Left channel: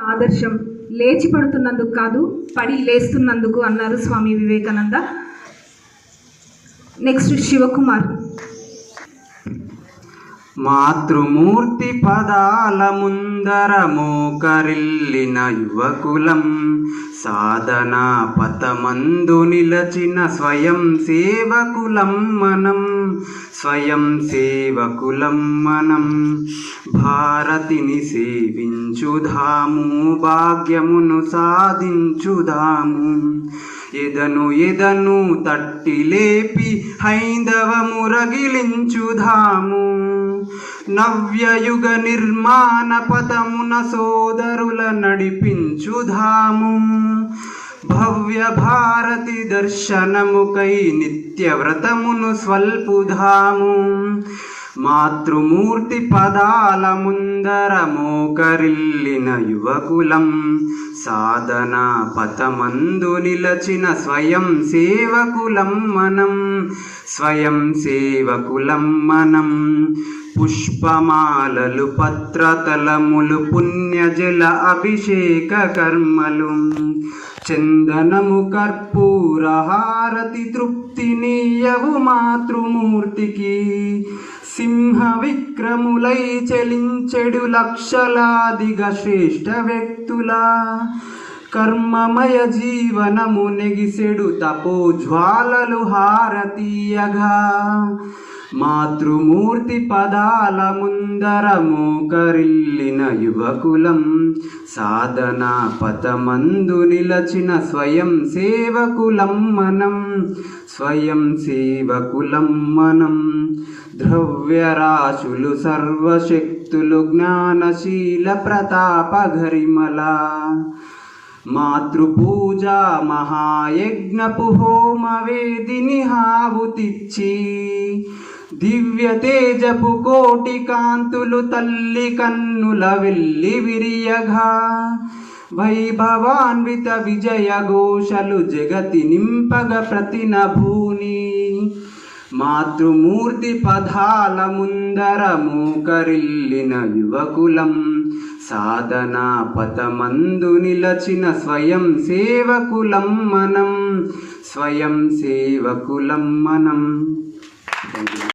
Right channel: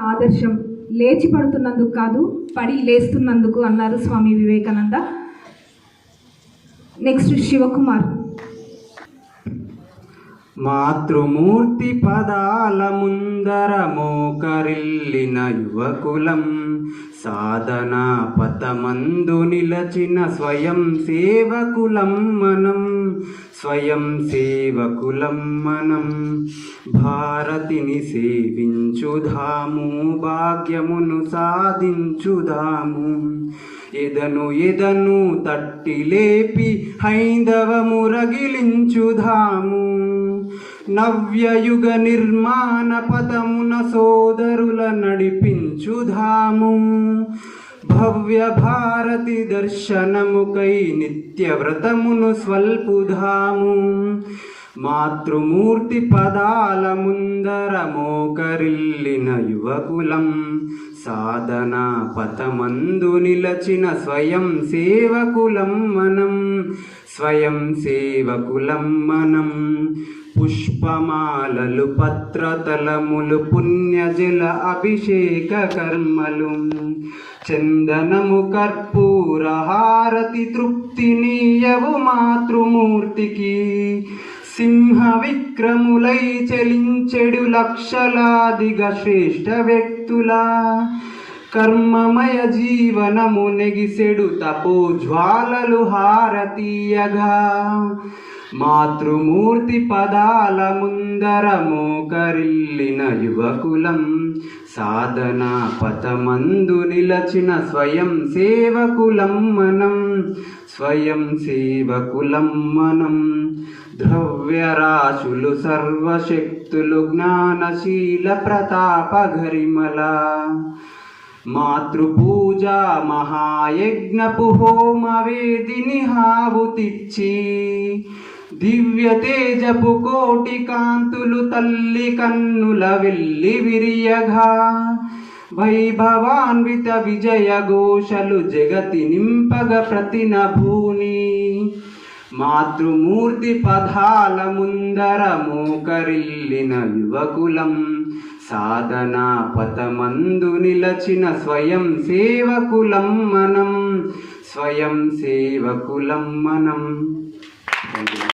ఆదర్శం లేచి పడుతున్నందుకు కాదు పడి లేస్తున్నందుకు అన్నారు స్వామి వివేకానంద. నెక్స్ట్ శివకుమార్. మాతృమూర్తి పదాల ముందర మోకరిల్లిన యువకులం సాధనా పథమందు నిలచిన స్వయం సేవకులం మనం. స్వయం సేవకులం మనం. భారతిని సేవించుధాము భాగ్యమును సాధించుదాము ఎదను ఎదను తట్టి లేపి హైందవము రగిలించుధాము నవ్యయుగ నిర్మాణ పదమున సోదరుల నడిపించుధాము భవ్య భారతి దర్శనముకై నిత్య వ్రతమును స్వల్పుధాము. మాతృమూర్తి పదాల ముందర మోకరిల్లిన యువకులం సాధన పతమందు నిలచిన స్వయం సేవకులం మనం స్వయం సేవకులం మనం. పుష్పమాలలు పత్రతలములు పుణ్యజల అభిషేక కర్మలు చందనము కర్పూరహారతి తృప్తినీయవు మాతృమూర్తికి. సింహ విక్రములై చెలించెడు లక్షలాదిగా శ్రేష్ఠ వ్యక్తుల కర్మమయ జీవనము నెగిసెడు తపో జ్వాలలు హారతీయగా. మాతృమూర్తి పదాల ముందర మోకరిల్లిన యువకులం సాధనా పథమందు నిలచిన స్వయం సేవకులం మనం స్వయం సేవకులం మనం. ద్రవ్యరాశులు సర్వశక్తులు జ్ఞానశీల ప్రతాప గరిమల మాతృపూజ మహాయజ్ఞపు హోమ వేదిని హావుతిచ్చి దివ్య తేజపు కోటి కాంతులు తల్లి కన్నుల వెళ్ళి విరియగా. వైభవాన్విత విజయ ఘోషలు జగతి నింపగ ప్రతినభూని మాతృమూర్తి పదాల ముందర మోకరిల్లిన యువకులం. సాధనా పథమందు నిలచిన స్వయం సేవకులం మనం. స్వయం సేవకులం మనం.